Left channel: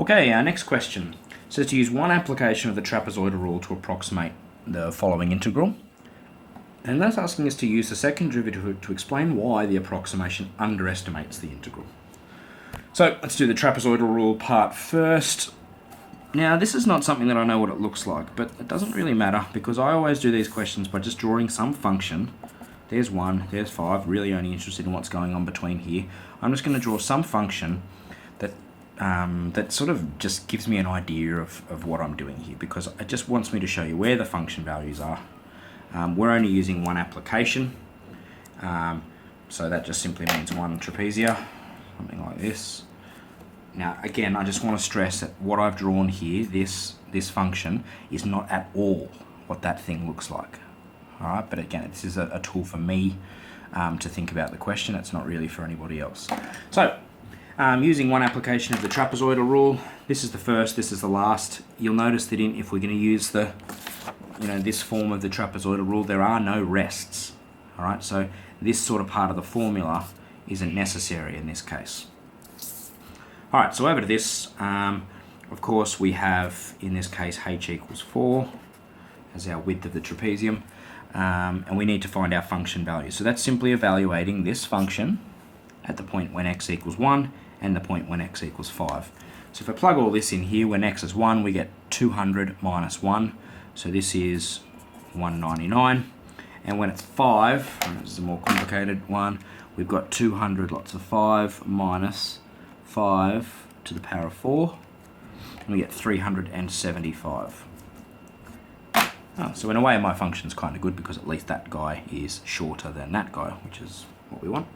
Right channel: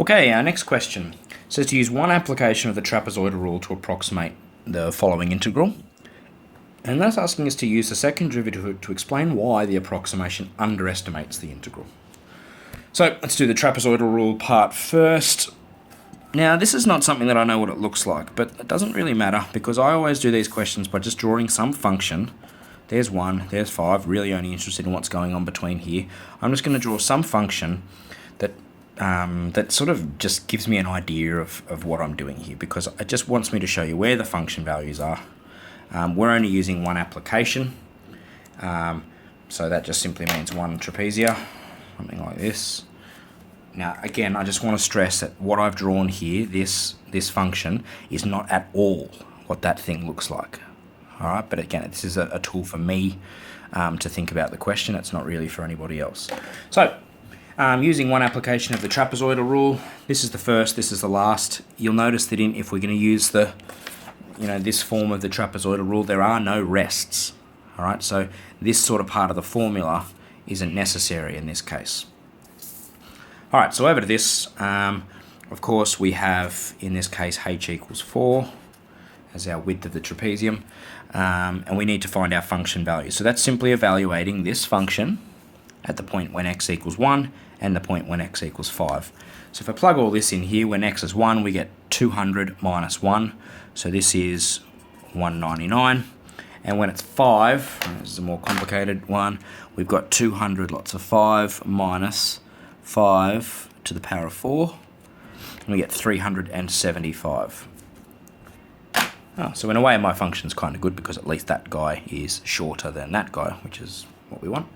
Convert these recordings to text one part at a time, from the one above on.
Okay, our next question says to use one application of the trapezoidal rule to approximate the following integral. And that's asking us to use the second derivative to explain why the approximation underestimates the integral. So let's do the trapezoidal rule part first. Now, this is not something that I know what it looks like, but it doesn't really matter because I always do these questions by just drawing some function. There's 1, there's 5, really only interested in what's going on between here. I'm just going to draw some function that sort of just gives me an idea of what I'm doing here, because it just wants me to show you where the function values are. We're only using one application, so that just simply means one trapezia, something like this. Now, again, I just want to stress that what I've drawn here, this function, is not at all what that thing looks like. All right, but again, this is a tool for me to think about the question. It's not really for anybody else. So, using one application of the trapezoidal rule, this is the first, this is the last. You'll notice that if we're going to use this form of the trapezoidal rule, there are no rests. All right, so this sort of part of the formula isn't necessary in this case. All right, so over to this. Of course, we have, in this case, h equals 4 as our width of the trapezium, and we need to find our function value. So that's simply evaluating this function at the point when x equals 1 and the point when x equals 5. So if I plug all this in here, when x is 1, we get 200 minus 1. So this is 199. And when it's 5, and this is a more complicated one, we've got 200 lots of 5 minus 5 to the power of 4. And we get 375. Oh, so in a way, my function's kind of good because at least that guy is shorter than that guy, which is what we want.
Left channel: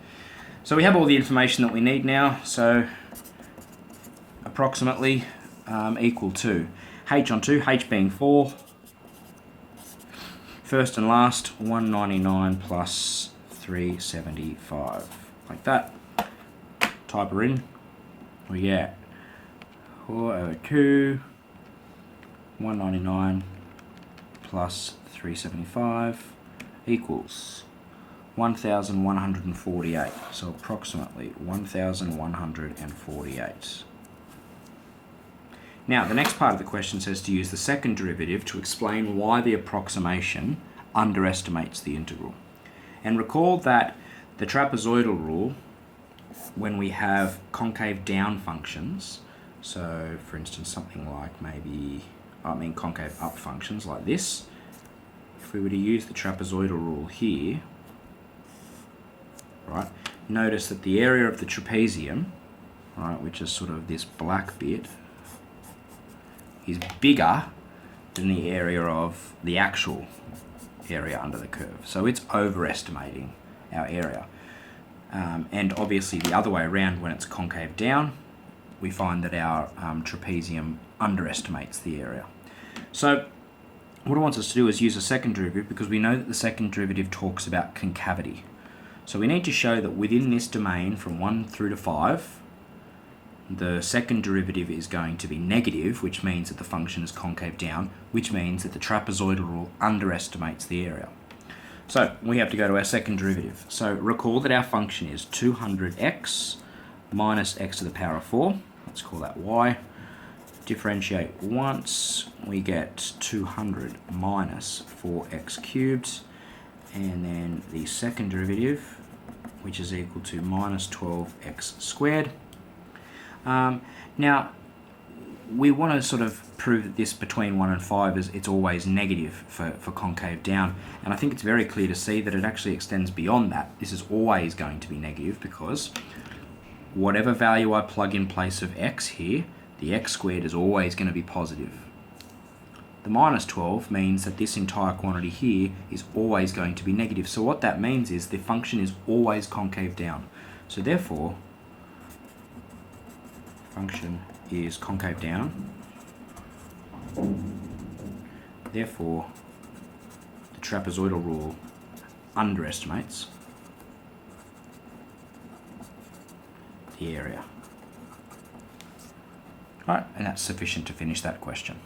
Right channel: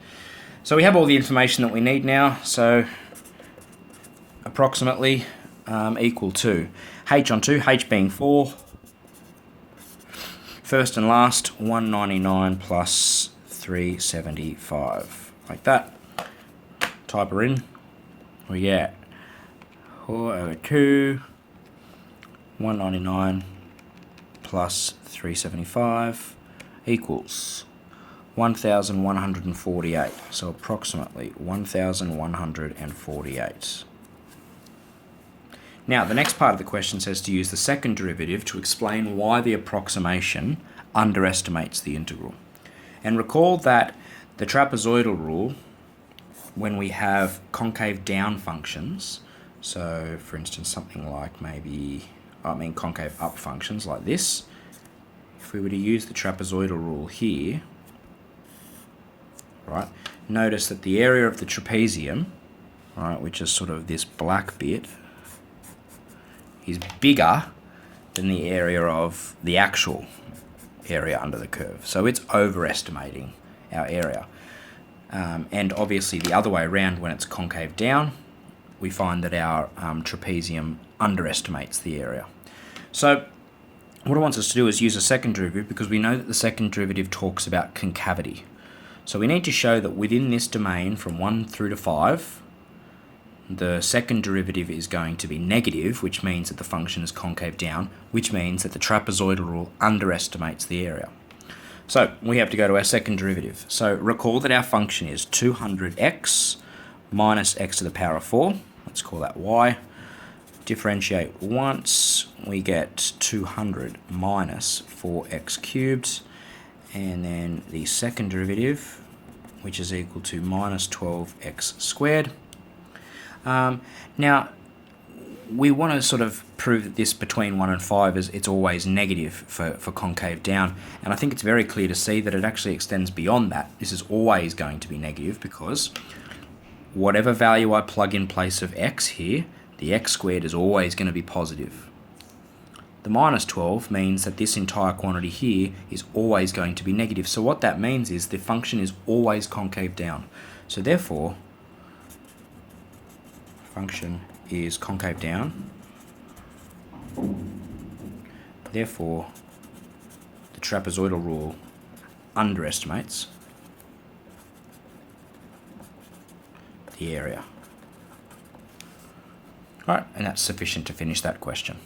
So we have all the information that we need now. So approximately equal to h on 2, h being 4. First and last, 199 plus 375. Like that. Type her in. We get 4 over 2, 199 plus 375 equals 1,148. So approximately 1,148. Now, the next part of the question says to use the second derivative to explain why the approximation underestimates the integral. And recall that the trapezoidal rule, when we have concave down functions, so for instance something like concave up functions like this, if we were to use the trapezoidal rule here, right, notice that the area of the trapezium, right, which is sort of this black bit, is bigger than the area of the actual area under the curve. So it's overestimating our area. And obviously the other way around, when it's concave down, we find that our trapezium underestimates the area. So what it wants us to do is use a second derivative, because we know that the second derivative talks about concavity. So we need to show that within this domain from 1 through to 5, the second derivative is going to be negative, which means that the function is concave down, which means that the trapezoidal rule underestimates the area. So we have to go to our second derivative. So recall that our function is 200x minus x to the power of 4. Let's call that y. Differentiate once, we get 200 minus 4x cubed. And then the second derivative, which is equal to minus 12x squared. Now, we want to sort of prove that this between 1 and 5 it's always negative for concave down. And I think it's very clear to see that it actually extends beyond that. This is always going to be negative because whatever value I plug in place of x here, the x squared is always going to be positive. The minus 12 means that this entire quantity here is always going to be negative. So what that means is the function is always concave down. So therefore, function is concave down. Therefore, the trapezoidal rule underestimates the area. All right, and that's sufficient to finish that question.